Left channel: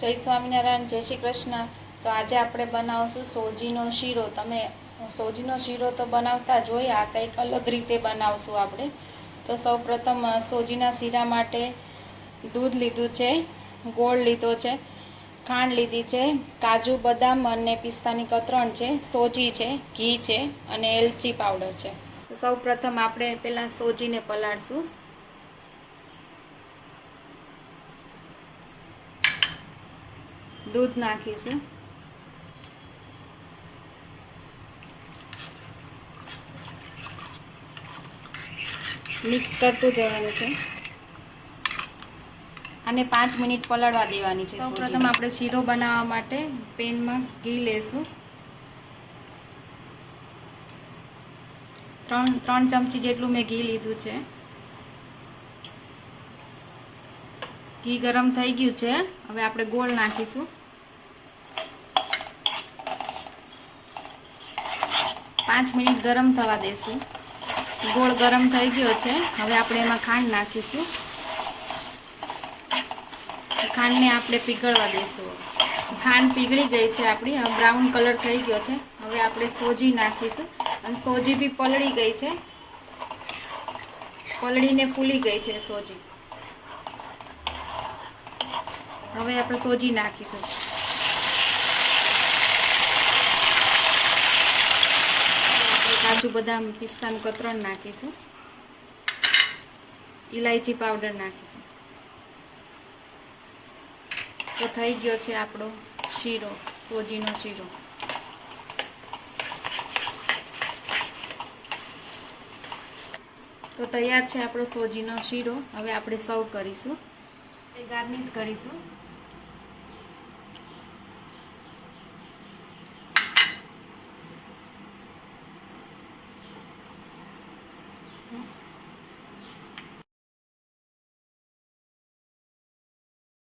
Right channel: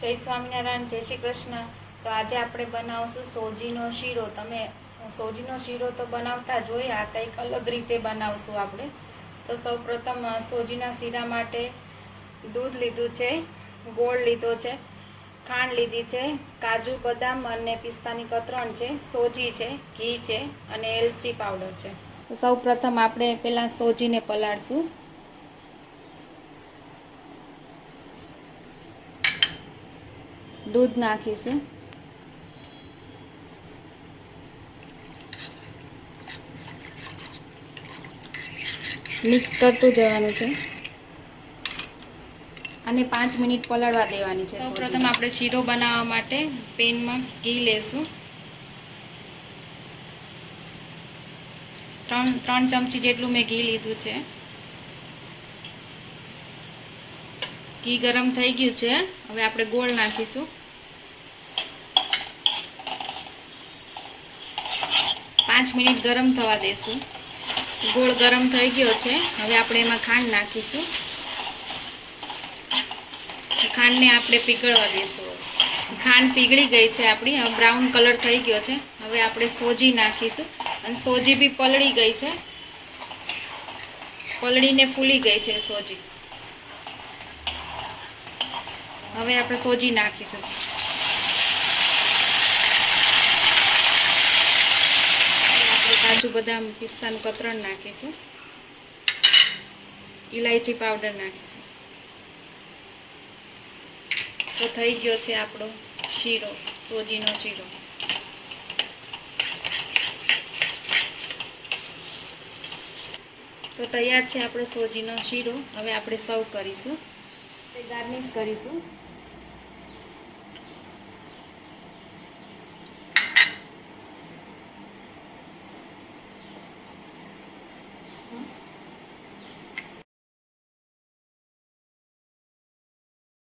જય સ્વામિનારાયણ, જય શ્રી કૃષ્ણ. તો આજે આપણે બનાવશું સોજીનો શીરો. તમે સોજીનો શીરો તો બનાવતા જ હોય, આ કંઈક અલગ રીતે બનાવશું આપણે. તો સૌપ્રથમ સોજીના શીરા માટે દૂધ લીધું છે, ગોળ લીધો છે, ખાંડ લીધી છે, કાજુ બદામ અને પિસ્તાની કતરણ છે, સોજી છે, ઘી છે અને એલચી પાવડર છે. સૌપ્રથમ આપણે પહેલાં સોજીને પલાળશું. દૂધ નાખીશું. મિક્સ કરતું જવાનું છે. અને 5 મિનિટ પલાળવા દેવાની છે. સૌપ્રથમ આપણે શીરો બનાવવા માટે પેનમાં ઘી લેશું. 3 ચમચી જેટલું મેં ઘી લીધું છે. ઘી ગરમ થઈ ગયું છે. હવે આપણે ગોળ નાખીશું. 5 મિનિટ ગરમ થવા દેશું. ગોળ ગરમ થઈ ગયો છે. હવે આપણે એમાં ખાંડ નાખીશું. ખાંડને આપણે પીગળવા દઈશું. ખાંડ પીગળી ગઈ છે આપણી, હવે બ્રાઉન કલર થઈ ગયો છે. હવે આપણે સોજી નાખીશું અને સોજી બી પલળી ગઈ છે, પલળીને ફૂલી ગઈ છે સોજી. હવે આપણે સોજી નાખીશું. કાજુ બદામ પિસ્તાનું કતરણ નાખીશું. ઇલાયચી પાવડર નાખીશું. તો થઈ ગયો છે આપણો શીરો, સોજીનો શીરો. તો તૈયાર છે આપણો સોજીનો શીરો. હવે આપણે સર્વ કરીશું, ગાર્નિશ કરીશું.